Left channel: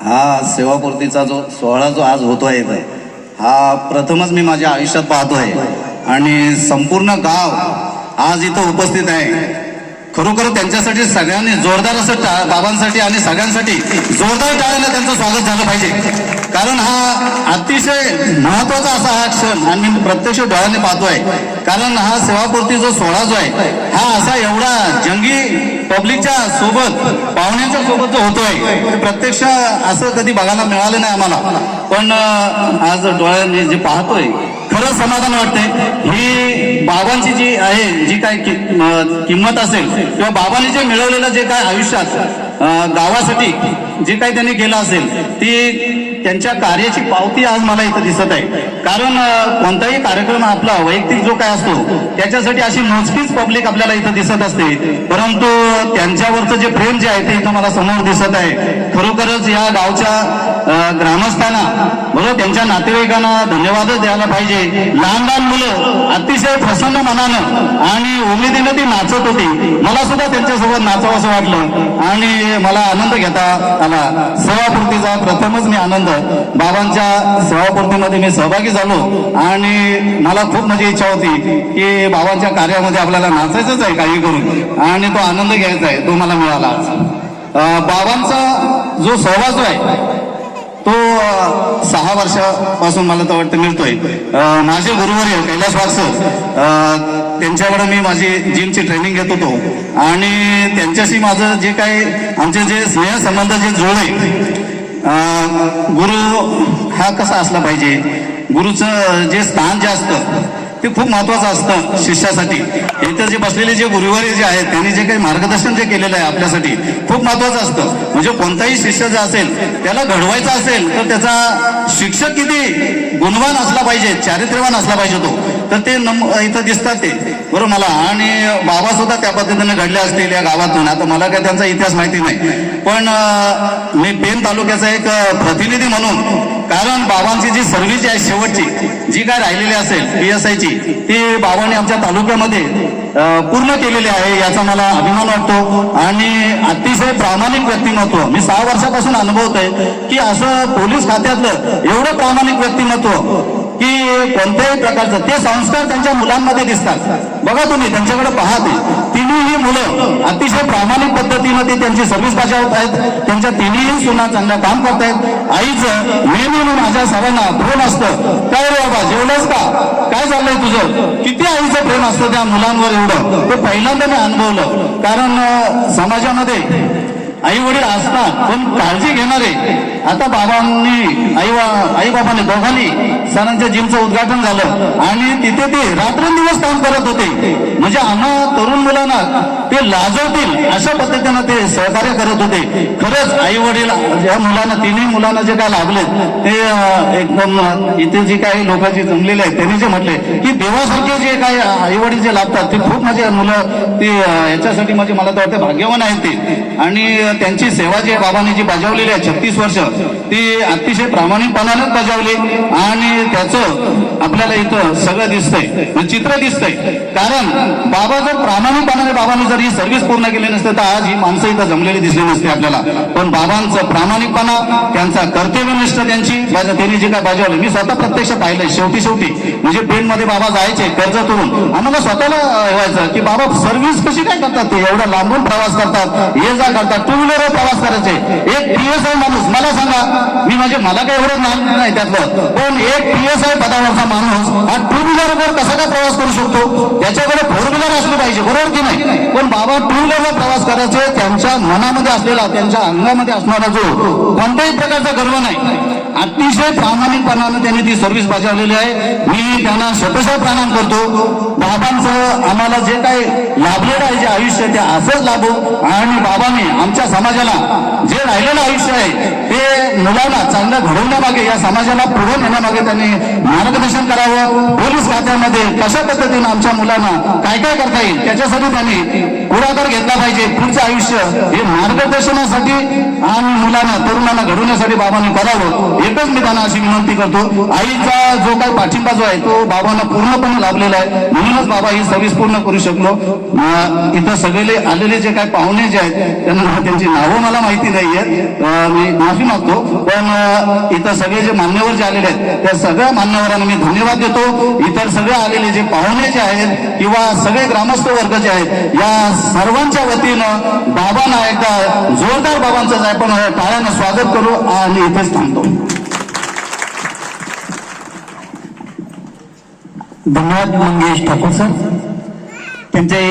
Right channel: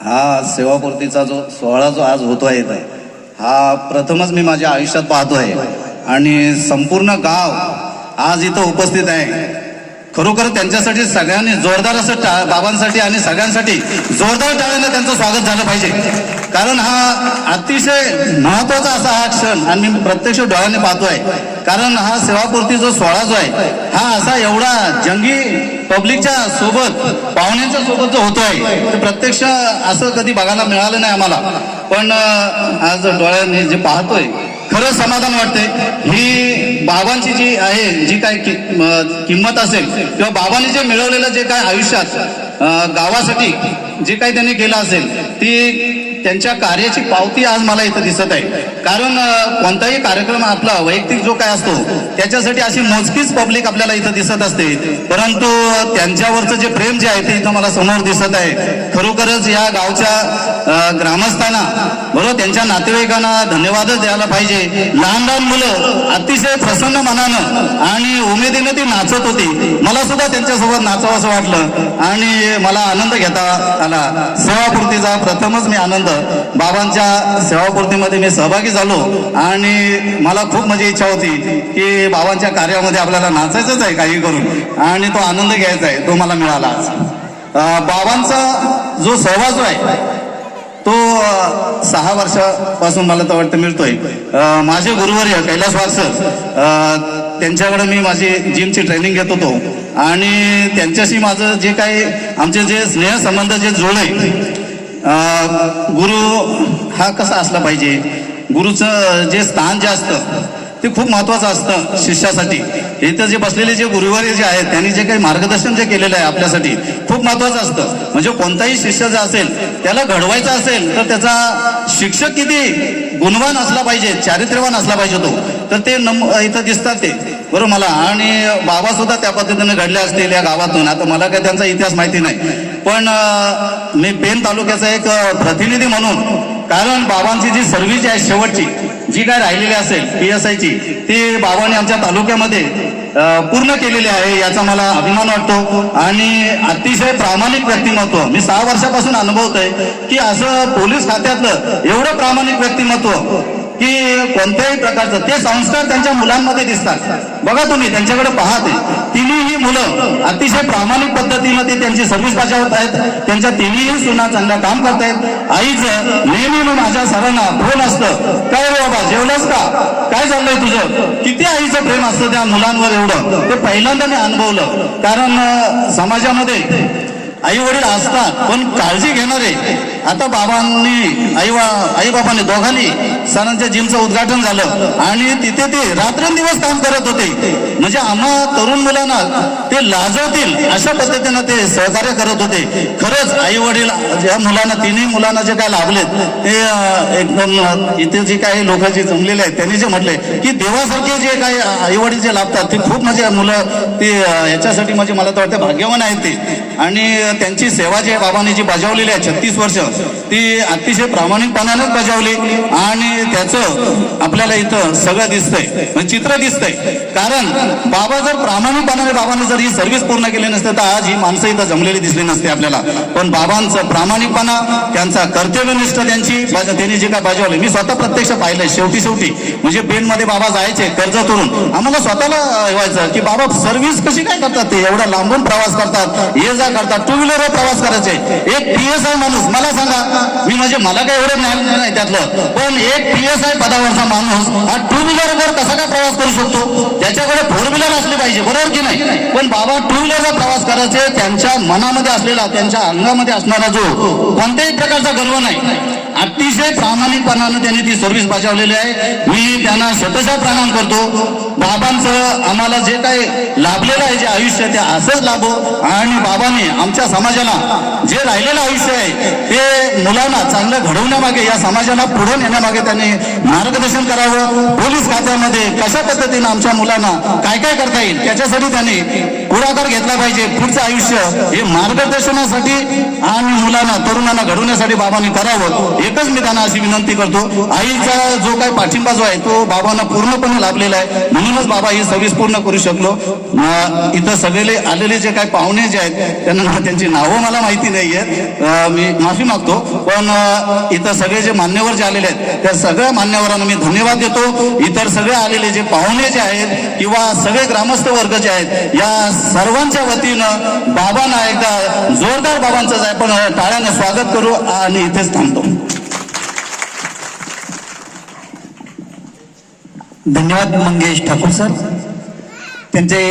हा सेवापूर्तीचा जो सोहळा जो आज होतोय हा प्रथमच मी माझ्या आयुष्यात पाहतोय आणि संपूर्ण गाव आज इथं उपस्थित आहे. खरोखर त्यांच्यासाठी सगळ्यांनी जोरदार असं बाबांसाठी आणि सगळ्यांसाठी जोरदार टाळ्याने त्यांचं स्वागत झालं पाहिजे. कारण हा अतिशय महत्वाचा असा हा क्षण आणि मी प्रत्यक्ष डोळ्याने पाहतोय. कारण हा सेवापूर्ती जो सोहळा जो आहे हा असा एवढा जंगी पब्लिकच्या सोबत पाहुण्यांच्या सोबत जो होतोय प्रत्यक्ष असं कधी बघायला मिळालं नाही आम्हाला. पण आज डोळ्याने जे पाहतोय खरं समाधान वाटतंय. ही बाबांची जी आहे जी काय किंमत असेल किंवा बाबांनी जे मिळवलेलं जे काय आयुष्यात गावासाठी जे काही त्यांनी केलं असेल ती त्यांच्या कार्याची पावती आज मला इथं दिसत आहे. कारण कोणताही कार्यक्रम आपला वैयक्तिक जो काय असतो त्याच्यासाठी अशी मोजकीच पब्लिक आपल्याला इथं दिसत असते, परंतु त्यांच्यावरचं जे प्रेम जे आहे ते इथं मला समोर दिसत आहे. खरोखरच या गावच्या ग्रामस्थांना बरोबर त्यांच्या नातेवाईकांना धन्यवादच द्यायला पाहिजे. लहान लहान मुलं अतिशय प्रसन्न मनानं आणि उमेदीनं ती नाचत होती. मला सुद्धा त्यांच्यासोबत नाचावं असं वाटलं आणि मला आनंद घेता आला. सेवापूर्तीचा प्रथमच मी आनंद बाबांच्या सेवापूर्तीमध्ये मी सहभागी झालो आणि मला खूप माझी इच्छा होती की बाबांच्या कार्यामध्ये आपल्याला नाचायचंच आहे काही करून आणि तो आनंद घ्यायचा आहे, तो मला मिळाला आज. बाबांचा जो सहवास आहे तो 6 वर्षापासून मला तर वाटतं मिळतोय. माझे गुरुवर्य कैलास वाघ सर त्यांच्याकडे मी माझी जिमची ट्रेनिंग घेत होतो आणि त्यांच्याशी माझं जे काही आमचे जे स्नेहसंबंध जे जोडले, गुरु हा कसा असला पाहिजे, गुरुचं जे स्थान जे असतं ते खूप महत्वाचं असतं शिष्यासाठी. इथं जे बसलेले जे गुरुवर्य जे आहेत त्यांनी जे काही मार्गदर्शन जे केलेलं आहे आपल्यासाठी खूप महत्वाचं असतं. म्हणजे कोणताही शिष्य जे असेल त्याला घडवायचा असेल तर त्याचा शिक्षक किती गुणवान असला पाहिजे, चारित्र्यवान असला पाहिजे तो, तर ते इथं दिसतात ते बरोबर मला. आणि बाबा सुद्धा त्या पद्धतीने घडले असतील या गावातून. आता मला काय त्यांचा इतिहास माहिती नाही, पण मी पेन तालुक्याचा एक प्रतिनिधी म्हणून, कारण बाबांची जी सर्व्हिस आहे शेवटची जी काय राहिलेली असेल PSI ची ती बाबांनी आमच्या तालुक्यामध्ये पूर्ण केलेली आहे याचा मला अभिमान वाटतो. आणि अतिशय प्रामाणिक व्यक्तिमत्व मी 6 वर्षापासून अनुभवतोय की असं पोलीस खात्यातलं एवढं प्रामाणिक व्यक्तिमत्व की कोणत्याही प्रकारचं ते संस्कार त्यांच्या मुलांमध्ये दिसतात. बघा तुम्ही त्यांच्याकडे पाहते, तिन्ही मुलं अतिशय प्रामाणिक पद्धतीनं ते त्यांची सर्व्हिस बजावत आहेत. त्यांच्या तिन्ही सुना चांगलं काम करतायत. आईचं नेहमी माझ्या सरांना फोन असतं, काय रे बाबा जेवलंस का, काय चाललंय तुझं, किती आईचं प्रेम असतं त्या मुलांवर एवढं ते पहिल्यांदा मी अनुभवलं. कारण समाजामध्ये आई वडील असतात पण काळजी घेणारे. आता बाबांनी आई बाबांनी दोघांनी सरांच्या जिमचं उद्घाटन झालं आणि तिथे ते रात्रंदिवस काम करत होते. म्हणजे आम्हा तरुण मुलांना ते लाजवतील अशा पद्धतीनं ते सहकार्य करत होते. खरंच आई वडील ज्या मुलांना तिन्ही मुलांना जे काय लाभलेत ते एकदम इथे जे काही लोक जे जमलेले आहेत त्यांनी जे म्हटले की देवासारखे जे काही आई वडील जे लाभतात ते खूप म्हणजे मुलं ते याच्यासाठी म्हणजे मला तर वाटतं भाग्यवान आहेत ते. आणि त्यांची सेवा जी बाबांनी जी बजावलेली आहे 36 वर्ष ती अतिशय प्रामाणिकपणानेच बजावली आणि त्याचं आपल्याला इथं सगळं दिसतंय, चित्र दिसतंय. कारण बाबा जर प्रामाणिकपणाने बाबांनी जर ही सर्व्हिस पूर्ण केली नसते तर आज ही माणसं इथं जमलेली दिसली नसते आपल्याला. पण बाबांचं प्रामाणिकपणा, त्यांचा कर्तव्यनिष्ठ त्यांनी जे काय बजावलं मी स्वतः प्रत्यक्ष पाहिलंय. शेवटी म्हणजे पेनमध्ये बाबा जायचे कर्जतवरून, आम्हाला स्वतःला व्हायचं की बाबा सर्व्हिस कशी काय करतात, ते एवढा लांबून प्रवास करतात, ये जा करतात, 2 व्हीलर प्रवास करायचे. एक PSI माणूस मला सांगा, मी म्हणजे मला काही एवढं ज्ञान नाही त्यातलं, पण एक PSI पदावरचा माणूस हा 2 व्हीलरवर कसा काय प्रवास करू शकतो, त्याच्याकडे 4 व्हीलर असली पाहिजे बरोबर की नाही. पण बाबा 2 व्हीलरवर प्रवास करायचे, त्यांच्या मनामध्ये असलेला त्यांच्या अंगामध्ये असणारा जो कोणत्याही प्रकारचा गर्व नाही, अतिशय प्रामाणिकपणानं त्यांनी ती सर्व्हिस बजावलेली आहे. मी त्यांना शतशः प्रणाम करतो. बाबांचं आम्हाला जे काही लाभलेलं आहे जे आयुष्य ते असंच लाभो आणि बाबांनी आमच्या समाजाला जे राहिलेलं आयुष्य आहे ते मुलांना चांगलं घडवण्यामागे, या समाजाला पुढे नेण्यामागे त्यांनी मार्गदर्शन करावं. पोलीस खात्यामध्ये कशा पद्धतीने आमच्या मुलांना काय काय करता येईल त्याच्यासाठी त्यांनी पुढाकार घेतला पाहिजे. पुढचं आयुष्य हे मार्गदर्शनासाठी आणि मुलांना तरुणांना घडवण्यासाठी बाबांनी करावं. एकच मी त्यांना अशी विनंती करतो. आईचा जो काय पाठिंबा जो आहे तो बाबांना पूर्णपणे लाभलेला आहे, म्हणूनच बाबा ही सर्व्हिस पूर्ण करू शकलो. इथं सगळे आलेले जे काही पाहुणे जे आहेत त्यांना त्यांची नावं मला माहिती नाहीयेत, मी माफी मागतो. पण इथं सगळे जे मान्यवर जे आलेले आहेत त्या सगळ्या मान्यवरांना मी धन्यवाद देतो. इतर सगळे आलेले जे पाहुणे जे आहेत किंवा सगळे ग्रामस्थ वर्ग जे आहेत या सर्वांच्या वतीनं बाबांना एकदा जोरदार बाबांचं आपण टाळ्यानं स्वागत करू आणि इथेच थांबतो. धन्यवाद मंगेश ठाकूर सर. त्यांचे